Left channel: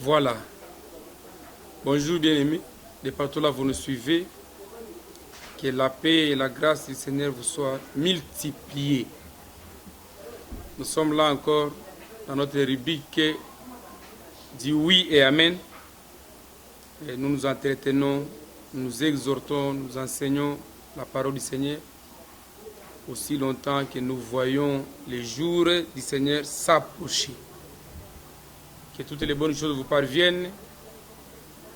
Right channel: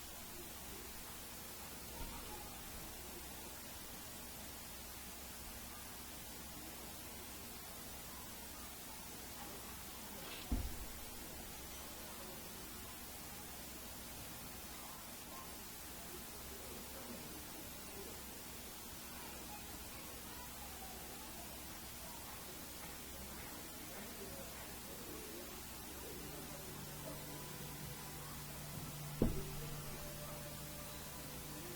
Voilà. Bonjour bien-aimés. De partout là, vous nous suivez. Que la paix et la grâce du Seigneur vous soient multipliées. Nous sommes là encore dans notre rubrique du oui et amen. Et nous nous entretenons, nous exhortons, nous enseignons la parole du Seigneur aussi longtemps que nous voyons les jours du Seigneur s'approcher. Que toutes les bonnes choses vous parviennent,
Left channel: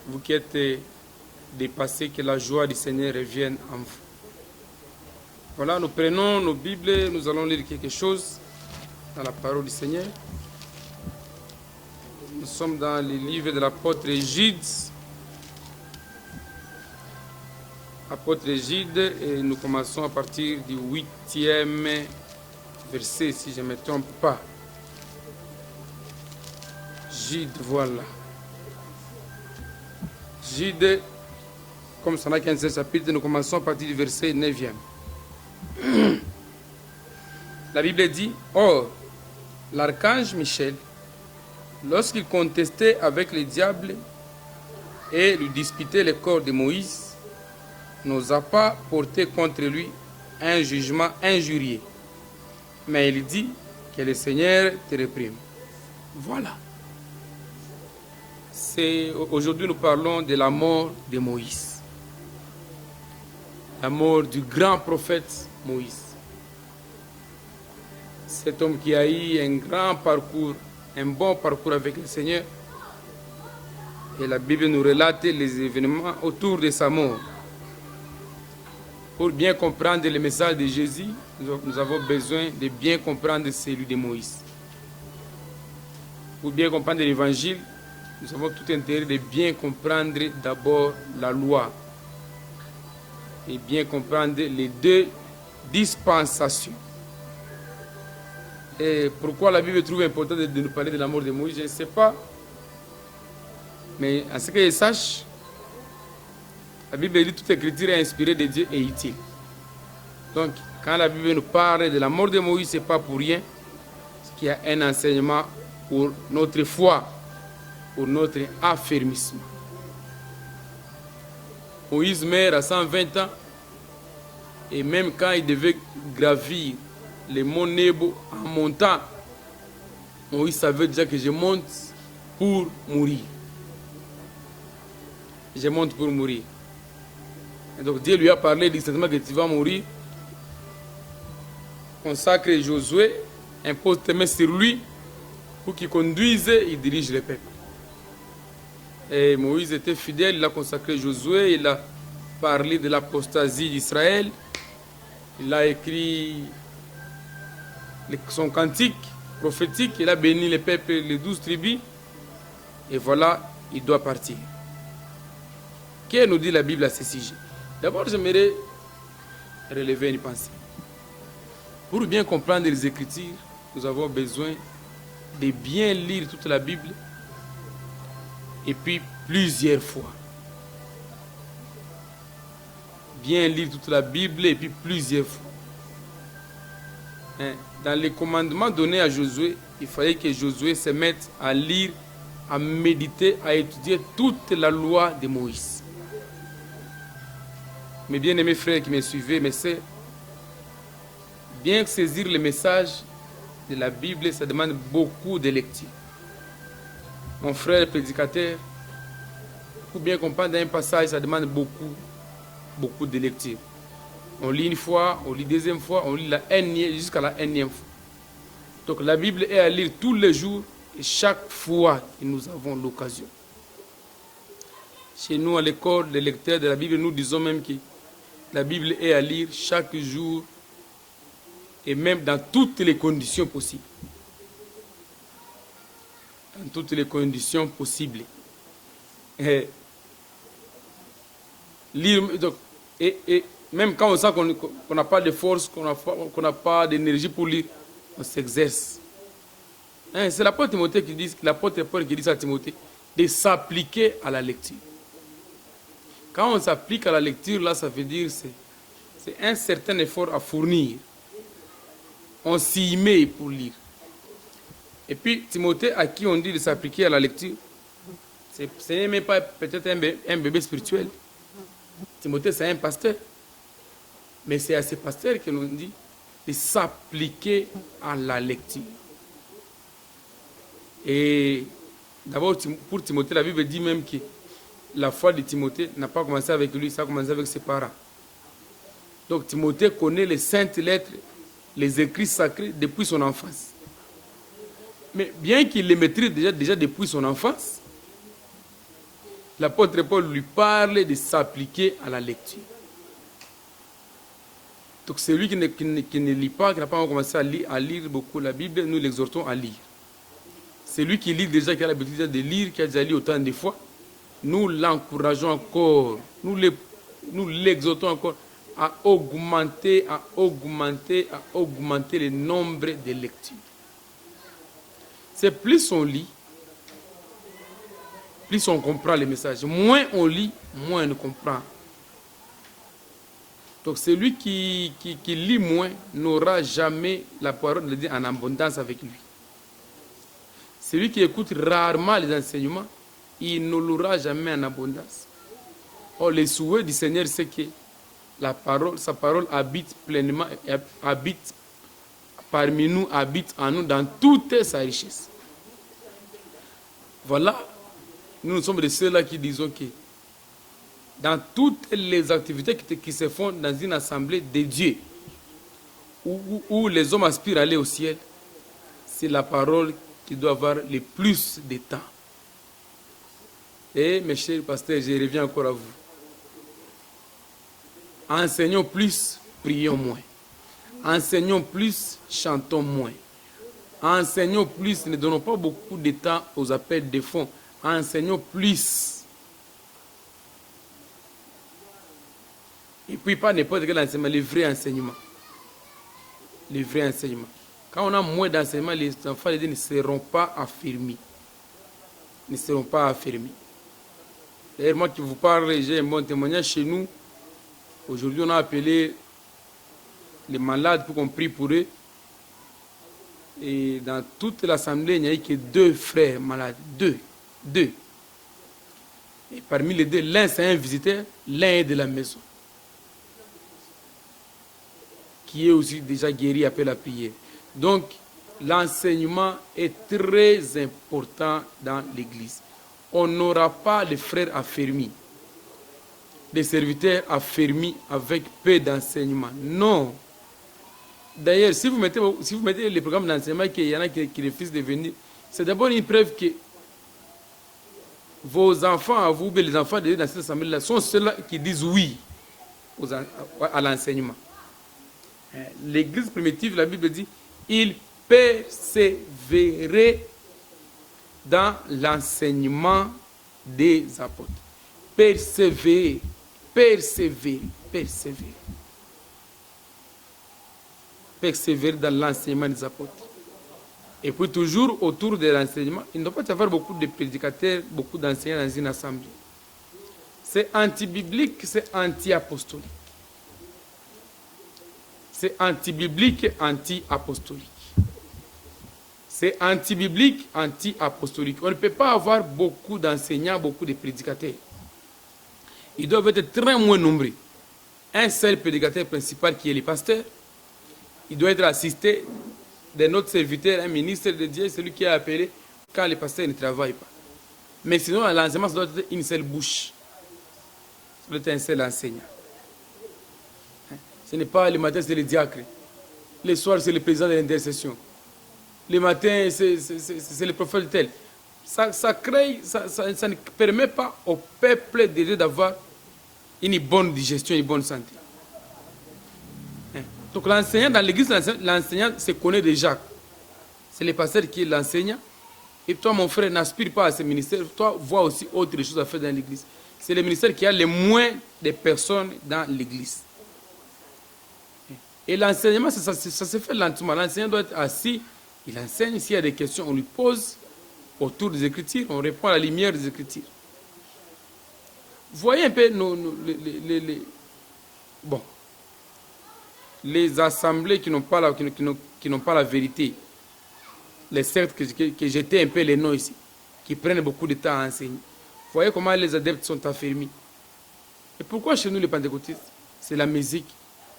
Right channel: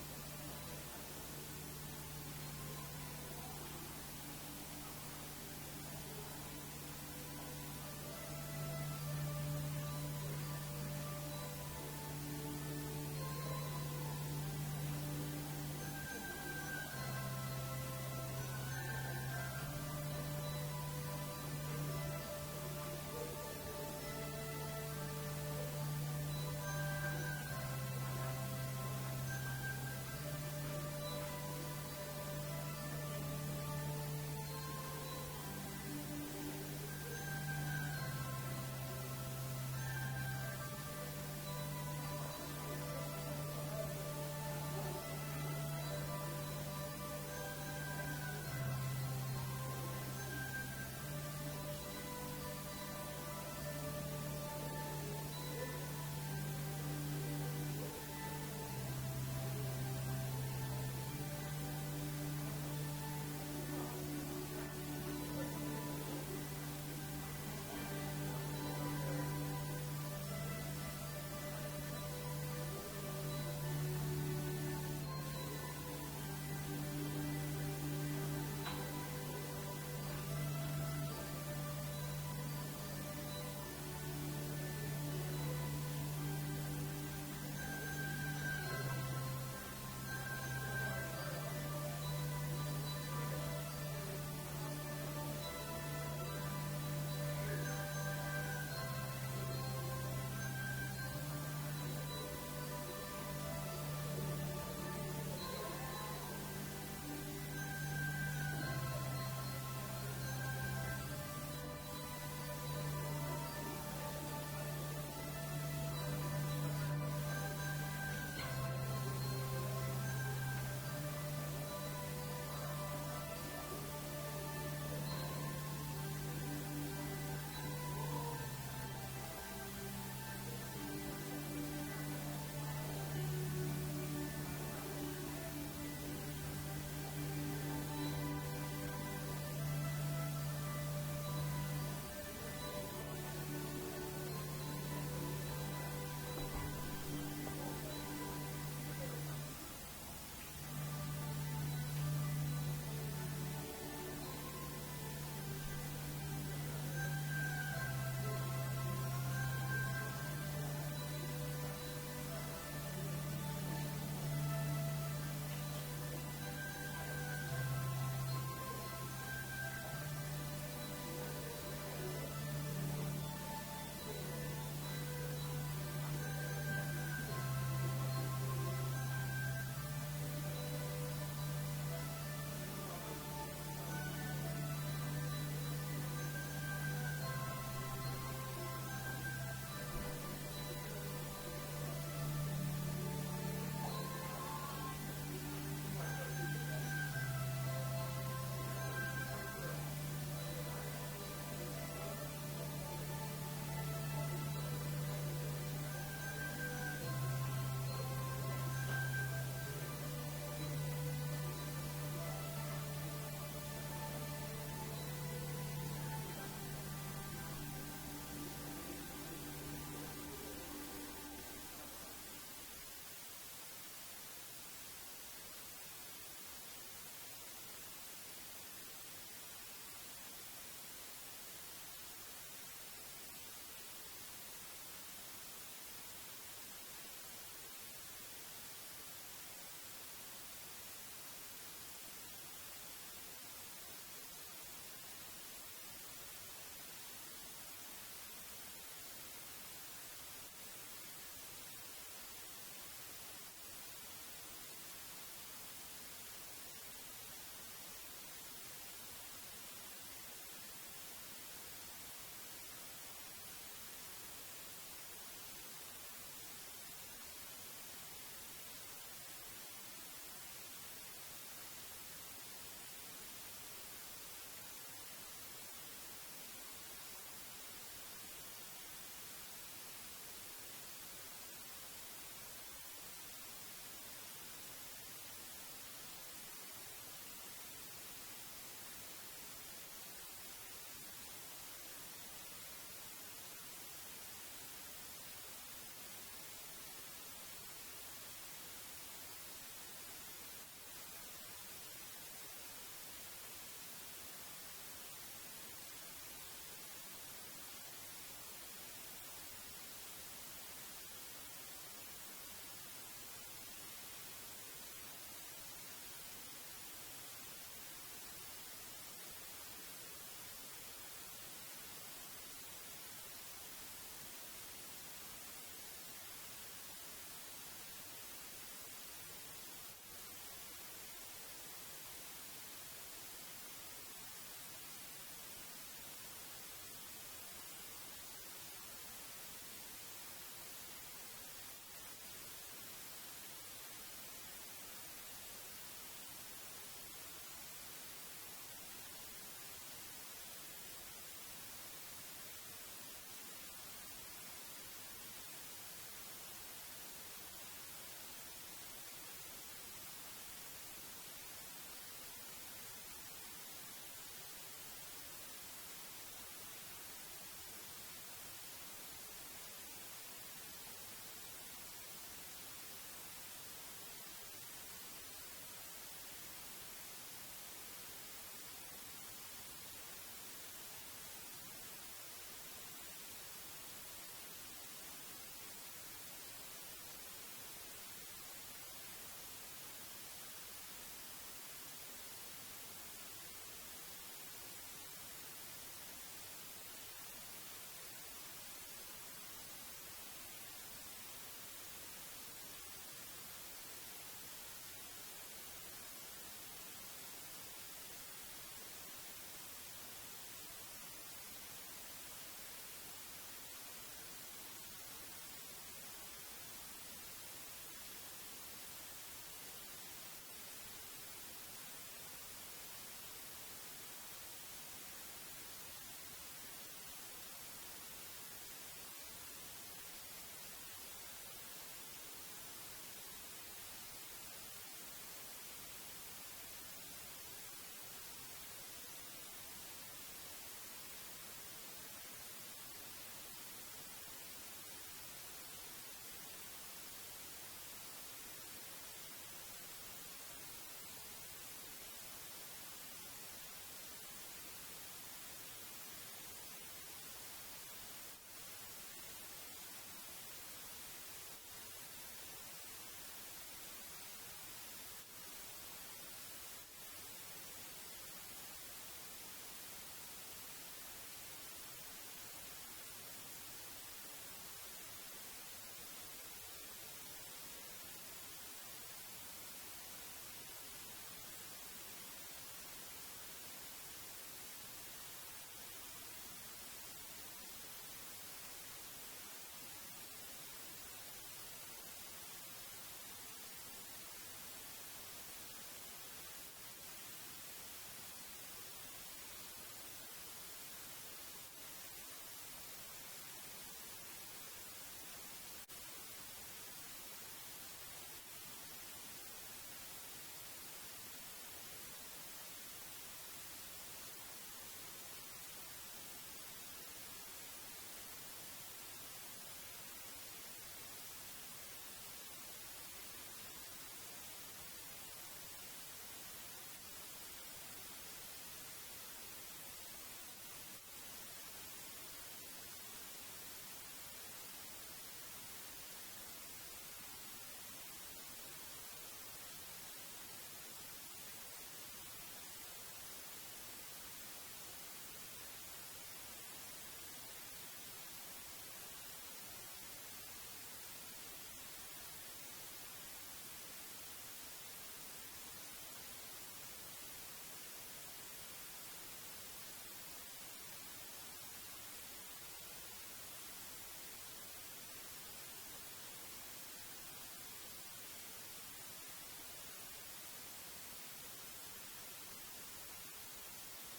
vous qui êtes dépassés, que la joie du Seigneur revienne en vous. Voilà, nous prenons nos Bibles, nous allons lire quelque chose dans la parole du Seigneur. Nous sommes dans le livre de l'apôtre Jude. Apôtre Jude, et nous commençons à partir du 8e verset, si je ne me trompe pas. Jude, voilà. Jude, comme ça n'a qu'un seul chapitre, nous commençons à partir du verset 9e. La Bible dit, or, l'archange Michel, lorsqu'il contestait avec le diable et lui disputait le corps de Moïse, n'osa pas porter contre lui un jugement injurieux. Mais il dit que le Seigneur te réprime. Voilà. Aujourd'hui, nous parlons de la mort de Moïse. La mort du grand prophète Moïse. Cet homme qui a eu un grand parcours, un bon parcours avec le Seigneur. Et la Bible nous relate les événements autour de sa mort. Pour bien comprendre le message de Jésus, nous avons besoin de bien comprendre celui de Moïse. Pour bien comprendre l'évangile, nous avons tout intérêt de bien comprendre d'abord la loi. Et bien comprendre les deux dispensations. Et pourquoi la Bible trouve important de nous parler de la mort de Moïse, je ne sais pas. Mais à ce que je sache, la Bible dit que toute écriture est inspirée de Dieu et utile. Donc, quand la Bible nous parle de la mort de Moïse, ce n'est pas pour rien. Parce qu'il y a un enseignement pour notre foi, pour notre affermissement. Moïse meurt à 120 ans. Et même quand il devait gravir les monts Nebo en montant, Moïse savait déjà que je monte pour mourir. Je monte pour mourir. Et donc Dieu lui a parlé distinctement que tu vas mourir. Consacre Josué, impose tes mains sur lui pour qu'il conduise et dirige le peuple. Et Moïse était fidèle, il a consacré Josué, il a parlé de l'apostasie d'Israël, il a écrit son cantique prophétique, il a béni le peuple, les 12 tribus, et voilà, il doit partir. Que nous dit la Bible à ce sujet? D'abord, j'aimerais relever une pensée. Pour bien comprendre les Écritures, nous avons besoin de bien lire toute la Bible et puis plusieurs fois. Bien lire toute la Bible et puis plusieurs fois. Dans les commandements donnés à Josué, il fallait que Josué se mette à lire, à méditer, à étudier toute la loi de Moïse. Mes bien-aimés frères qui me suivez, mes sœurs, bien saisir le message de la Bible, ça demande beaucoup de lecture. Mon frère prédicateur, pour bien comprendre un passage, ça demande beaucoup de lecture. On lit une fois, on lit deuxième fois, on lit la énième jusqu'à la énième fois. Donc la Bible est à lire tous les jours et chaque fois que nous avons l'occasion. Chez nous, à l'école, les lecteurs de la Bible, nous disons même que la Bible est à lire chaque jour et même dans toutes les conditions possibles. Dans toutes les conditions possibles. Et lire, donc, et même quand on sent qu'on n'a pas de force, qu'on n'a pas d'énergie pour lire, on s'exerce. C'est l'apôtre Timothée qui dit, l'apôtre Paul qui dit à Timothée, de s'appliquer à la lecture. Quand on s'applique à la lecture, là, ça veut dire c'est un certain effort à fournir. On s'y met pour lire. Et puis, Timothée, à qui on dit de s'appliquer à la lecture, Ce n'est même pas peut-être un bébé spirituel. Timothée, c'est un pasteur. Mais c'est à ce pasteur que l'on dit de s'appliquer à la lecture. Et d'abord, pour Timothée, la Bible dit même que la foi de Timothée n'a pas commencé avec lui, ça a commencé avec ses parents. Donc Timothée connaît les saintes lettres, les écrits sacrés depuis son enfance. Mais bien qu'il les maîtrise déjà depuis son enfance, l'apôtre Paul lui parle de s'appliquer à la lecture. Donc celui qui ne lit pas, qui n'a pas encore commencé à lire beaucoup la Bible, nous l'exhortons à lire. Celui qui lit déjà, qui a l'habitude de lire, qui a déjà lu autant de fois, nous l'encourageons encore, nous l'exhortons encore à augmenter le nombre de lectures. C'est plus on lit, plus on comprend les messages. Moins on lit, moins on comprend. Donc celui qui lit moins n'aura jamais la parole de Dieu en abondance avec lui. Celui qui écoute rarement les enseignements, il ne l'aura jamais en abondance. Or, le souhait du Seigneur, c'est que sa parole habite pleinement, habite parmi nous, habite en nous dans toute sa richesse. Voilà, nous sommes de ceux-là qui disons que dans toutes les activités qui se font dans une assemblée de Dieu, où les hommes aspirent à aller au ciel, c'est la parole qui doit avoir le plus de temps. Et mes chers pasteurs, je reviens encore à vous. Enseignons plus, prions moins. Enseignons plus, chantons moins. Enseignons plus, ne donnons pas beaucoup de temps aux appels de fonds. Enseignons plus. Et puis pas n'importe quel enseignement, les vrais enseignements. Les vrais enseignements. Quand on a moins d'enseignements, les enfants ne seront pas affermis. Ne seront pas affermis. D'ailleurs, moi qui vous parle, j'ai un bon témoignage chez nous. Aujourd'hui, on a appelé les malades pour qu'on prie pour eux. Et dans toute l'assemblée, il n'y a eu que 2 frères malades. 2. Et parmi les 2, l'un c'est un visiteur, l'un est de la maison. Qui est aussi déjà guéri après la prière. Donc, l'enseignement est très important dans l'Église. On n'aura pas les frères affermis, des serviteurs affermis avec peu d'enseignement. Non. D'ailleurs, si vous mettez les programmes d'enseignement, qu'il y en a qui refusent de venir, c'est d'abord une preuve que vos enfants, à vous, les enfants de dans cette assemblée-là, sont ceux-là qui disent oui à l'enseignement. L'Église primitive, la Bible dit, il persévérait dans l'enseignement des apôtres. Persévérer. Persévérer dans l'enseignement des apôtres. Et puis toujours autour de l'enseignement, il ne doit pas y avoir beaucoup de prédicateurs, beaucoup d'enseignants dans une assemblée. C'est anti-biblique, c'est anti-apostolique. C'est anti-biblique, anti-apostolique. C'est anti-biblique, anti-apostolique. On ne peut pas avoir beaucoup d'enseignants, beaucoup de prédicateurs. Ils doivent être très moins nombreux. Un seul prédicateur principal qui est le pasteur, il doit être assisté d'un autre serviteur, un ministre de Dieu, celui qui est appelé quand le pasteur ne travaille pas. Mais sinon, l'enseignement, ça doit être une seule bouche. Ça doit être un seul enseignant. Ce n'est pas le matin, c'est le diacre. Le soir, c'est le président de l'intercession. Le matin, c'est le prophète tel. Ça ne permet pas au peuple de Dieu d'avoir une bonne digestion, une bonne santé. Donc l'enseignant dans l'église, l'enseignant se connaît déjà. C'est le pasteur qui est l'enseignant. Et toi, mon frère, n'aspire pas à ce ministère. Toi, vois aussi autre chose à faire dans l'église. C'est le ministère qui a le moins de personnes dans l'église. Et l'enseignement, ça se fait lentement. L'enseignant doit être assis. Il enseigne. S'il y a des questions, on lui pose autour des Écritures. On répond à la lumière des Écritures. Voyez un peu les assemblées qui n'ont pas la vérité. Les sectes que j'étais un peu les noms ici, qui prennent beaucoup de temps à enseigner. Voyez comment les adeptes sont affermis. Et pourquoi chez nous les pentecôtistes, c'est la musique,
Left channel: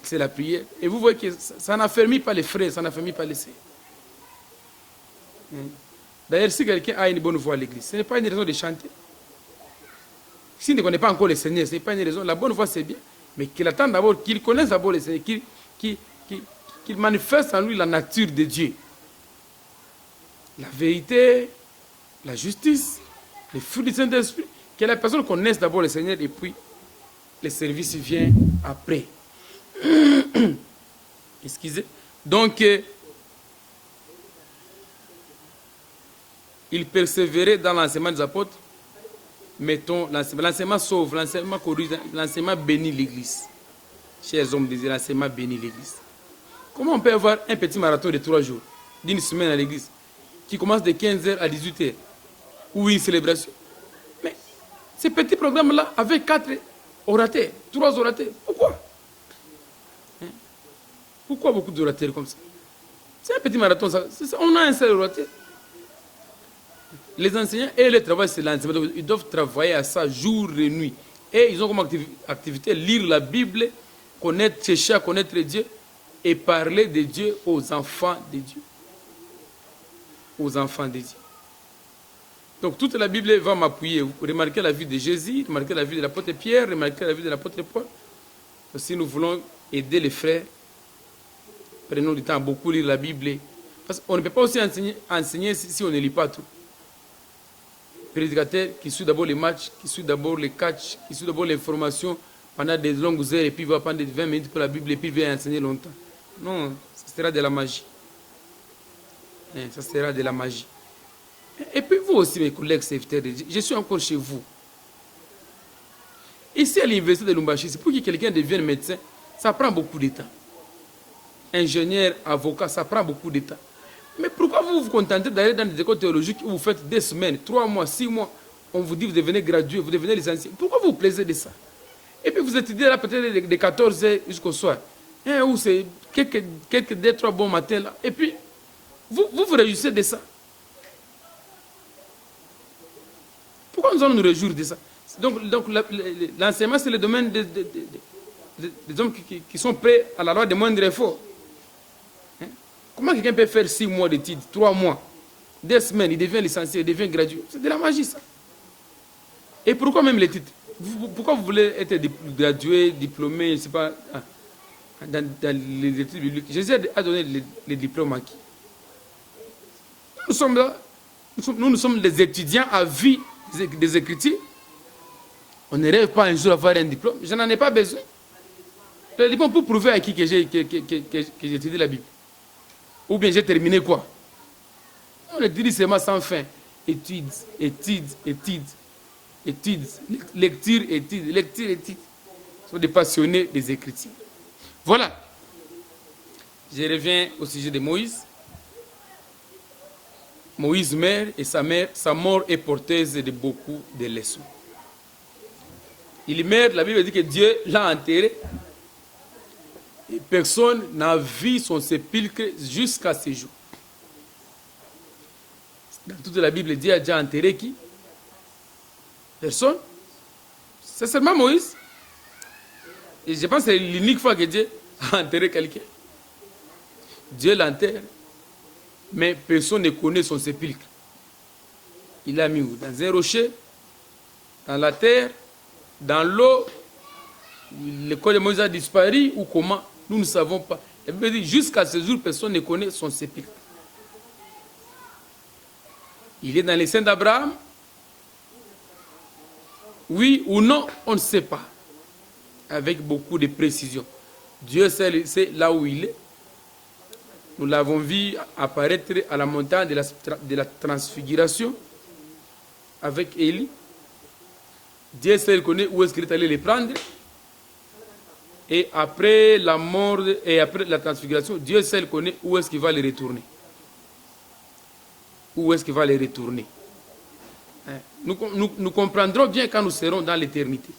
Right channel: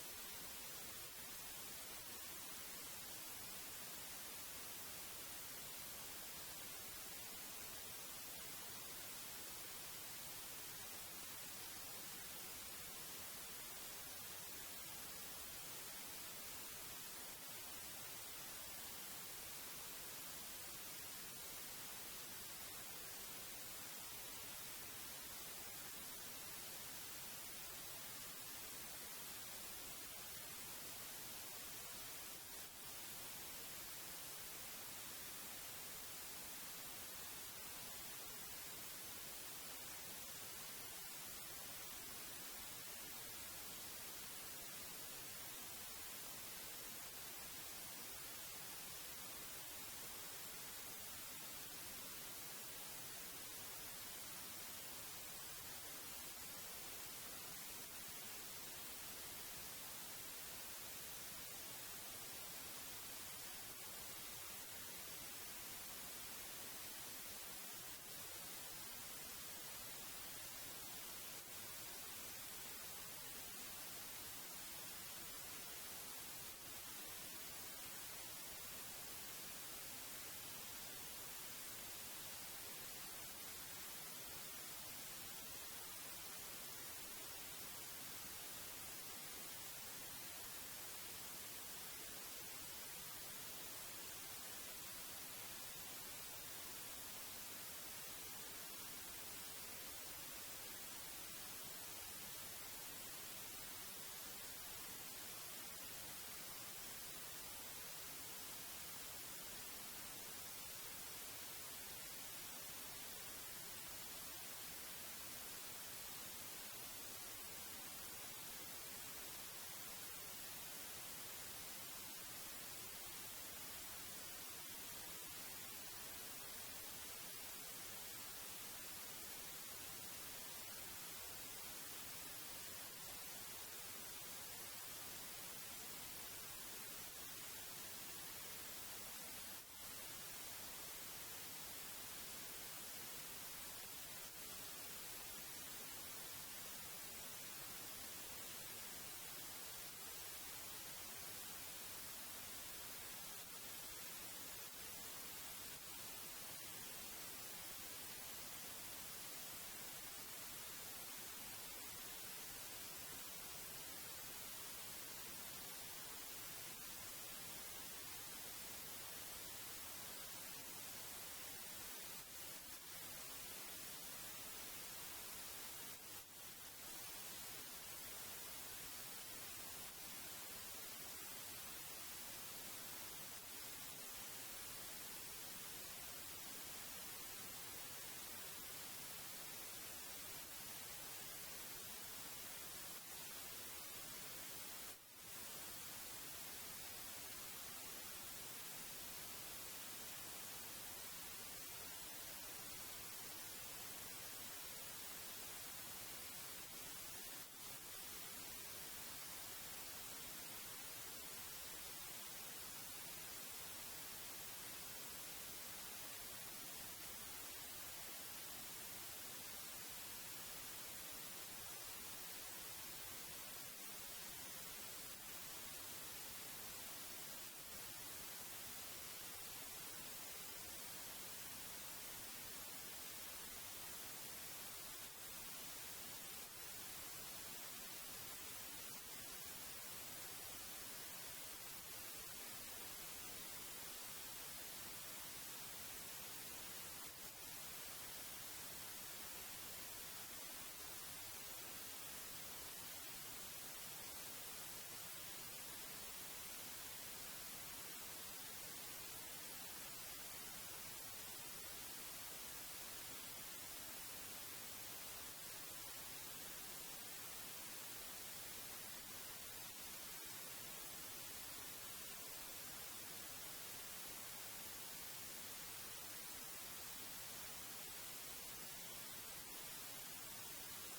c'est la prière. Et vous voyez que ça n'affermit pas les frères, ça n'affermit pas les sœurs. D'ailleurs, si quelqu'un a une bonne voix à l'église, ce n'est pas une raison de chanter. S'il ne connaît pas encore le Seigneur, ce n'est pas une raison. La bonne voix, c'est bien. Mais qu'il attend d'abord, qu'il connaisse d'abord le Seigneur, qu'il manifeste en lui la nature de Dieu. La vérité, la justice, les fruits du Saint-Esprit. Que la personne connaisse d'abord le Seigneur et puis le service vient après. Excusez. Donc, il persévérait dans l'enseignement des apôtres. Mettons, l'enseignement sauve, l'enseignement corrige, l'enseignement bénit l'Église. Chers hommes, l'enseignement bénit l'Église. Comment on peut avoir un petit marathon de 3 jours, d'une semaine à l'Église, qui commence de 15h à 18h, ou une célébration? Mais ces petits programmes-là, avec 4 orateurs, 3 orateurs, pourquoi? Pourquoi beaucoup d'orateurs comme ça? C'est un petit marathon, ça. On a un seul orateur. Les enseignants et le travail, c'est l'enseignement. Ils doivent travailler à ça jour et nuit. Et ils ont comme activité lire la Bible, connaître, chercher à connaître Dieu et parler de Dieu aux enfants de Dieu. Aux enfants de Dieu. Donc toute la Bible va m'appuyer. Vous remarquez la vie de Jésus, remarquez la vie de l'apôtre Pierre, remarquez la vie de l'apôtre Paul. Si nous voulons aider les frères, prenons du temps à beaucoup lire la Bible. Parce qu'on ne peut pas aussi enseigner si on ne lit pas tout. Prédicateur qui suit d'abord les matchs, qui suit d'abord les catchs, qui suit d'abord l'information pendant des longues heures et puis va prendre 20 minutes pour la Bible et puis va enseigner longtemps. Non, ça sera de la magie. Ça sera de la magie. Et puis vous aussi, mes collègues serviteurs, je suis encore chez vous. Ici à l'université de Lumbashi, c'est pour que quelqu'un devienne médecin, ça prend beaucoup de temps. Ingénieur, avocat, ça prend beaucoup de temps. Mais pourquoi vous vous contentez d'aller dans des écoles théologiques où vous faites 2 semaines, 3 mois, 6 mois, on vous dit vous devenez gradué, vous devenez licencié? Pourquoi vous vous plaisez de ça? Et puis vous étudiez là peut-être de 14h jusqu'au soir. Ou c'est quelques 2-3 bons matins là. Et puis, vous réjouissez de ça. Pourquoi nous allons nous réjouir de ça? Donc l'enseignement, c'est le domaine des hommes qui sont prêts à la loi des moindres efforts. Comment quelqu'un peut faire 6 mois d'études, 3 mois, 2 semaines, il devient licencié, il devient gradué? C'est de la magie, ça. Et pourquoi même les titres? Pourquoi vous voulez être gradué, diplômé, je ne sais pas, dans les études bibliques? Jésus a donné les diplômes à qui? Nous sommes là, nous sommes des étudiants à vie des Écritures. On ne rêve pas un jour d'avoir un diplôme. Je n'en ai pas besoin. Le diplôme pour prouver à qui que j'ai étudié la Bible. Ou bien j'ai terminé quoi? On étudie seulement sans fin. Études, études, études, études, lecture, études, lecture, études. Ce sont des passionnés des Écritures. Voilà. Je reviens au sujet de Moïse. Moïse meurt et sa mort est porteuse de beaucoup de leçons. Il meurt, la Bible dit que Dieu l'a enterré. Et personne n'a vu son sépulcre jusqu'à ce jour. Dans toute la Bible, Dieu a déjà enterré qui? Personne. C'est seulement Moïse. Et je pense que c'est l'unique fois que Dieu a enterré quelqu'un. Dieu l'enterre, mais personne ne connaît son sépulcre. Il l'a mis où? Dans un rocher, dans la terre, dans l'eau. Le corps de Moïse a disparu ou comment? Nous ne savons pas. La Bible dit jusqu'à ce jour, personne ne connaît son sépulcre. Il est dans les seins d'Abraham? Oui ou non, on ne sait pas. Avec beaucoup de précision. Dieu sait là où il est. Nous l'avons vu apparaître à la montagne de la transfiguration avec Élie. Dieu seul connaît où est-ce qu'il est allé les prendre. Et après la mort et après la transfiguration, Dieu seul connaît où est-ce qu'il va les retourner. Où est-ce qu'il va les retourner? Nous comprendrons bien quand nous serons dans l'éternité.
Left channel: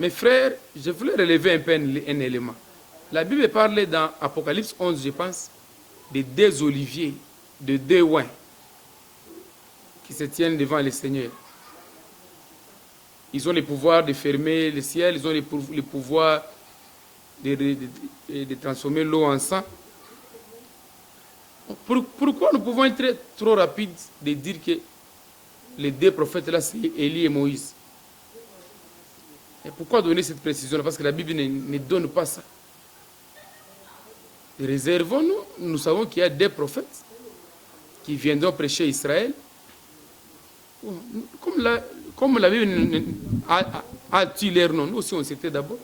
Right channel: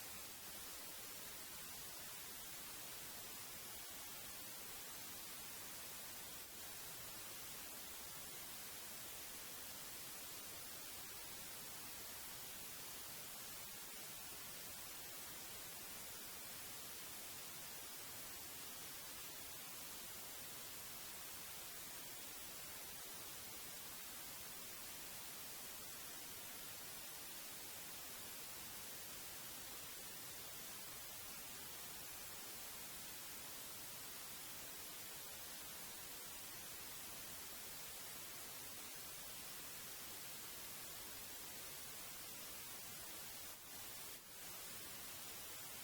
Mes frères, je voulais relever un peu un élément. La Bible parle dans Apocalypse 11, je pense, de 2 oliviers, de 2 oins, se tiennent devant le Seigneur. Ils ont le pouvoir de fermer le ciel, ils ont le pouvoir de transformer l'eau en sang. Pourquoi nous pouvons être trop rapides de dire que les deux prophètes là, c'est Élie et Moïse? Et pourquoi donner cette précision-là? Parce que la Bible ne donne pas ça. Réservons-nous, nous savons qu'il y a des prophètes qui viendront prêcher Israël. Comme la Bible a-t-il leur nom, nous aussi on s'était d'abord.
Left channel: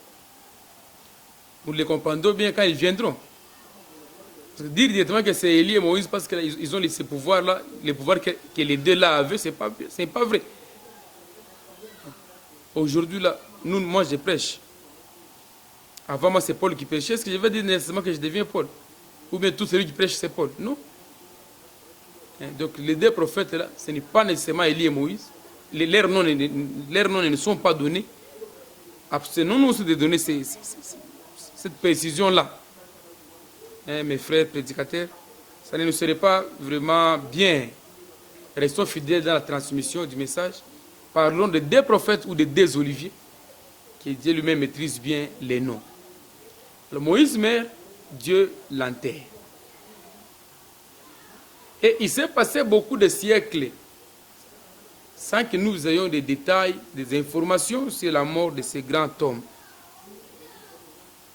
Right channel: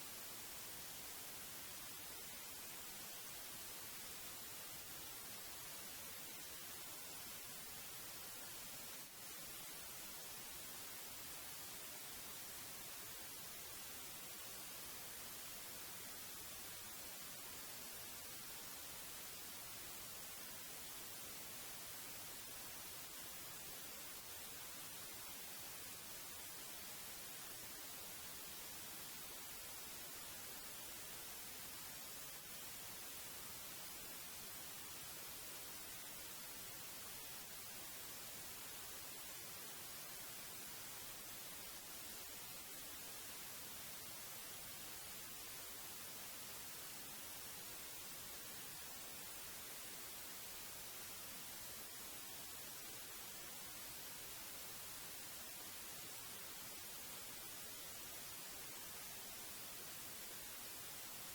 Nous les comprendrons bien quand ils viendront. Dire directement que c'est Élie et Moïse parce qu'ils ont ces pouvoirs-là, les pouvoirs que les deux là avaient, ce n'est pas vrai. Aujourd'hui, là, moi je prêche. Avant moi c'est Paul qui prêchait. Est-ce que je vais dire nécessairement que je deviens Paul? Ou bien tout celui qui prêche c'est Paul? Non. Donc les deux prophètes là, ce n'est pas nécessairement Élie et Moïse. Leurs noms ne sont pas donnés. Abstenons-nous aussi de donner cette précision-là. Mes frères prédicateurs, ça ne nous serait pas vraiment bien. Restons fidèles dans la transmission du message. Parlons de deux prophètes ou de deux oliviers, que Dieu lui-même maîtrise bien les noms. Le Moïse meurt, Dieu l'enterre. Et il s'est passé beaucoup de siècles sans que nous ayons des détails, des informations sur la mort de ce grand homme.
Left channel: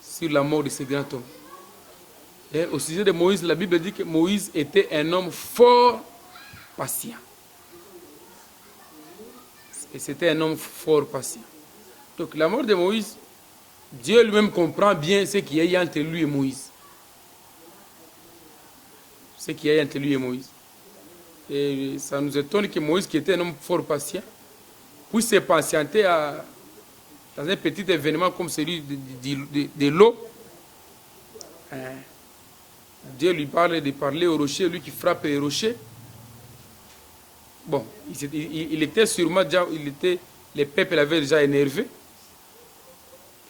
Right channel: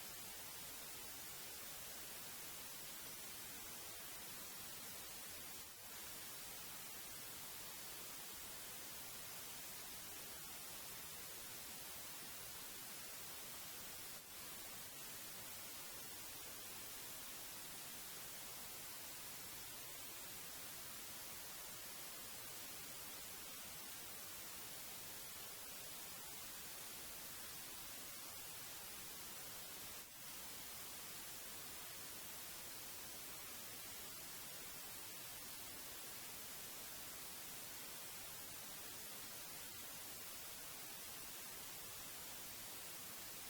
Sur la mort de ce grand homme. Et au sujet de Moïse, la Bible dit que Moïse était un homme fort patient. Et c'était un homme fort patient. Donc la mort de Moïse, Dieu lui-même comprend bien ce qu'il y a entre lui et Moïse. Ce qu'il y a entre lui et Moïse. Et ça nous étonne que Moïse, qui était un homme fort patient, puisse se patienter dans un petit événement comme celui de l'eau. Dieu lui parle de parler au rocher, lui qui frappe les rochers. Bon, il était sûrement déjà, le peuple l'avait déjà énervé.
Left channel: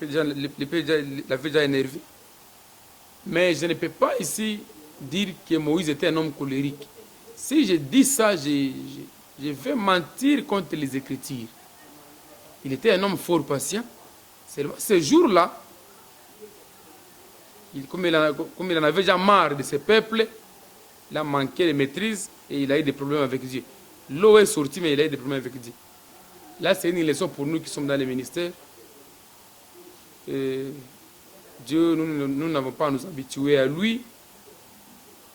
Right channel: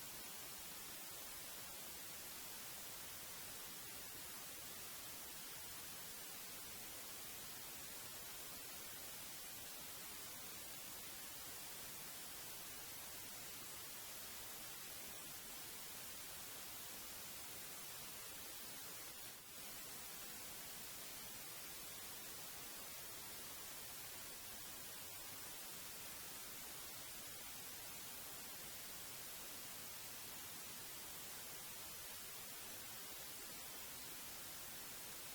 Le peuple l'avait déjà énervé. Mais je ne peux pas ici dire que Moïse était un homme colérique. Si je dis ça, je vais mentir contre les Écritures. Il était un homme fort patient. Ce jour-là, comme il en avait déjà marre de ce peuple, il a manqué de maîtrise et il a eu des problèmes avec Dieu. L'eau est sortie, mais il a eu des problèmes avec Dieu. Là, c'est une leçon pour nous qui sommes dans les ministères. Et Dieu, nous n'avons pas à nous habituer à lui.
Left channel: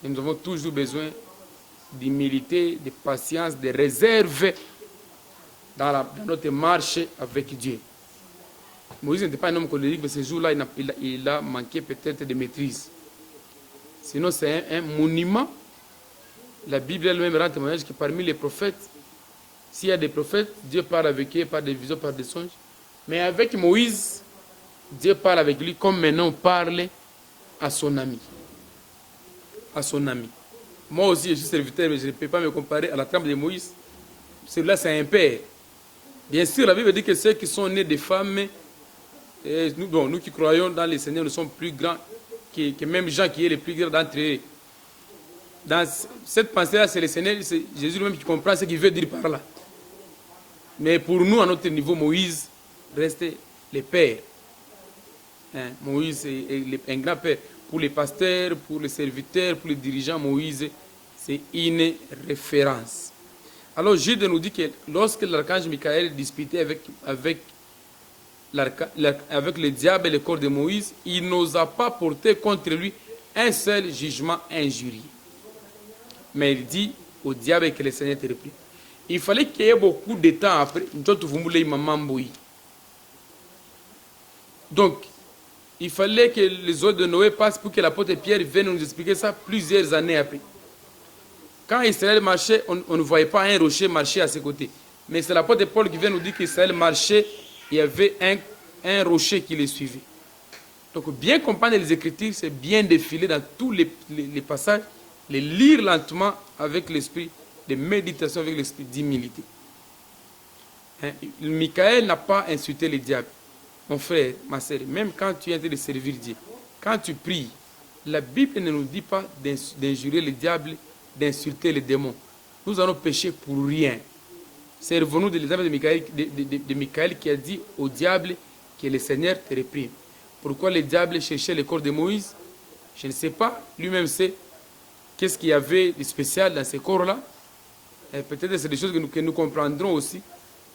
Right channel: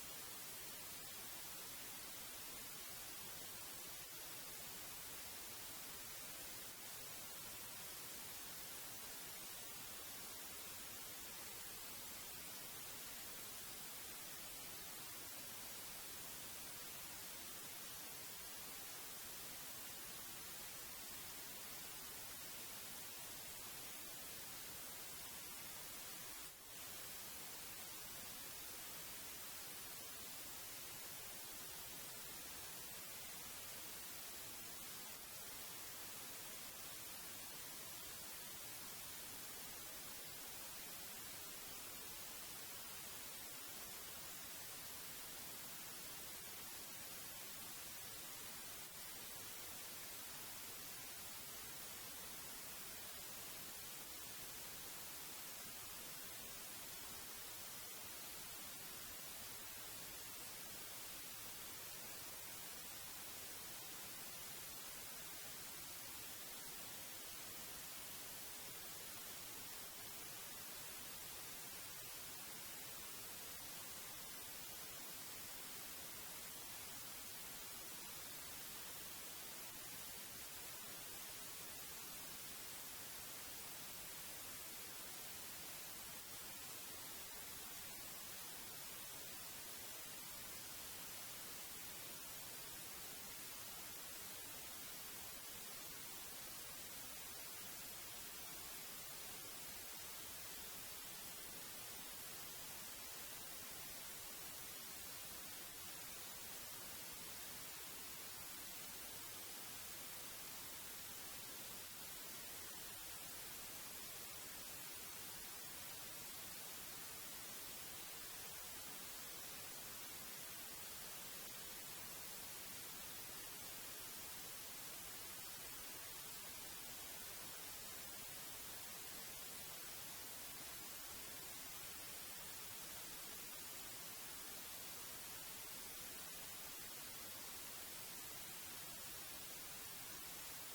Et nous avons toujours besoin d'humilité, de patience, de réserve dans notre marche avec Dieu. Moïse n'était pas un homme colérique, mais ce jour-là, il a manqué peut-être de maîtrise. Sinon, c'est un monument. La Bible elle-même rend témoignage que parmi les prophètes, s'il y a des prophètes, Dieu parle avec eux par des visions, par des songes. Mais avec Moïse, Dieu parle avec lui comme maintenant on parle à son ami. À son ami. Moi aussi, je suis serviteur, mais je ne peux pas me comparer à la trempe de Moïse. Celui-là, c'est un père. Bien sûr, la Bible dit que ceux qui sont nés de femmes, et nous qui croyons dans le Seigneur, nous sommes plus grands que même Jean qui est le plus grand d'entre eux. Dans cette pensée-là, c'est le Seigneur, c'est Jésus lui-même qui comprend ce qu'il veut dire par là. Mais pour nous, à notre niveau, Moïse reste le père. Moïse est un grand père. Pour les pasteurs, pour les serviteurs, pour les dirigeants, Moïse, c'est une référence. Alors Jude nous dit que lorsque l'archange Michael disputait avec le diable et le corps de Moïse, il n'osa pas porter contre lui un seul jugement injurieux. Mais il dit au diable que le Seigneur te reprit. Il fallait qu'il y ait beaucoup de temps après. Donc, il fallait que les eaux de Noé passent pour que l'apôtre Pierre vienne nous expliquer ça plusieurs années après. Quand Israël marchait, on ne voyait pas un rocher marcher à ses côtés. Mais c'est l'apôtre Paul qui vient nous dire qu'Israël marchait, il y avait un rocher qui les suivait. Donc, bien comprendre les Écritures, c'est bien défiler dans tous les passages, les lire lentement avec l'esprit de méditation, avec l'esprit d'humilité. Michael n'a pas insulté le diable. Mon frère, ma sœur, même quand tu es en train de servir Dieu, quand tu pries, la Bible ne nous dit pas d'injurer le diable, d'insulter les démons. nous allons pécher pour rien. Servons-nous de l'exemple de Michael qui a dit au diable que le Seigneur te réprime. Pourquoi le diable cherchait le corps de Moïse? Je ne sais pas. Lui-même sait qu'est-ce qu'il y avait de spécial dans ces corps-là. Et peut-être c'est des choses que nous comprendrons aussi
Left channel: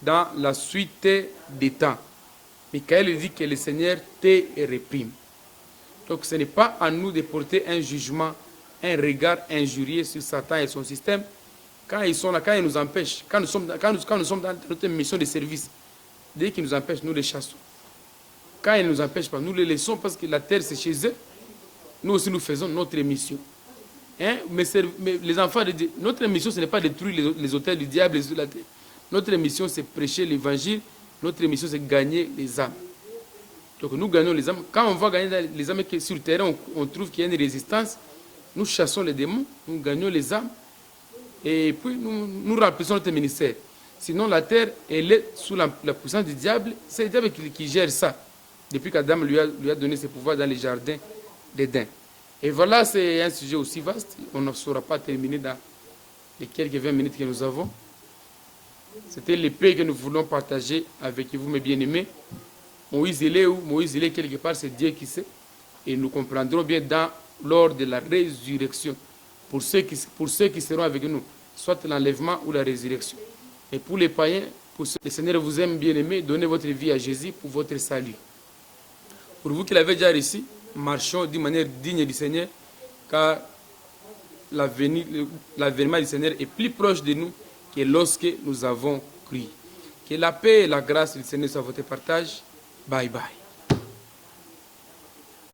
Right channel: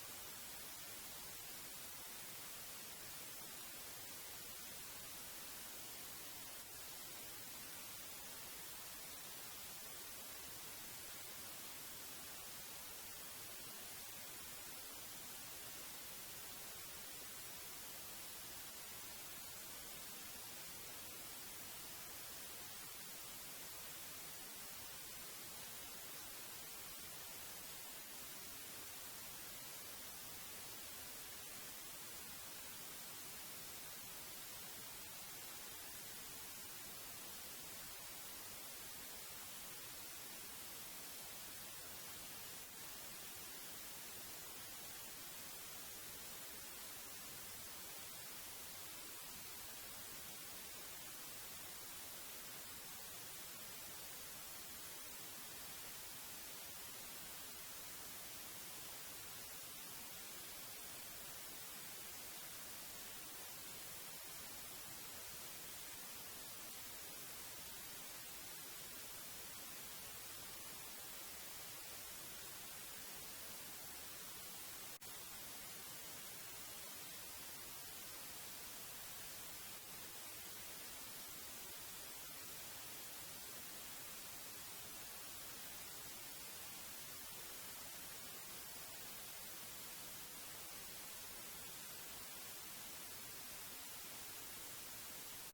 dans la suite des temps. Michael dit que le Seigneur te réprime. Donc ce n'est pas à nous de porter un jugement, un regard injurieux sur Satan et son système. Quand ils sont là, quand ils nous empêchent, quand nous sommes dans notre mission de service, dès qu'ils nous empêchent, nous les chassons. Quand ils ne nous empêchent pas, nous les laissons parce que la terre c'est chez eux. Nous aussi nous faisons notre mission. Hein? Mais les enfants de Dieu, notre mission ce n'est pas détruire les autels du diable sur la terre. Notre mission c'est prêcher l'évangile. Notre mission c'est gagner les âmes. Donc nous gagnons les âmes. Quand on va gagner les âmes sur le terrain, on trouve qu'il y a une résistance. Nous chassons les démons, nous gagnons les âmes. Et puis nous remplissons notre ministère. Sinon la terre, elle est sous la puissance du diable. C'est le diable qui gère ça. Depuis qu'Adam lui a donné ses pouvoirs dans les jardins d'Éden. Et voilà, c'est un sujet aussi vaste. On ne saura pas terminer dans les quelques 20 minutes que nous avons. C'était l'épée que nous voulons partager avec vous, mes bien-aimés. Moïse, il est où? Moïse, il est quelque part, c'est Dieu qui sait. Et nous comprendrons bien lors de la résurrection. Pour ceux qui seront avec nous, soit l'enlèvement ou la résurrection. Et pour les païens, le Seigneur vous aime, bien-aimés, donnez votre vie à Jésus pour votre salut. Pour vous qui l'avez déjà reçu, marchons d'une manière digne du Seigneur, car l'avènement du Seigneur est plus proche de nous que lorsque nous avons cru. Que la paix et la grâce du Seigneur soient votre partage. Bye bye.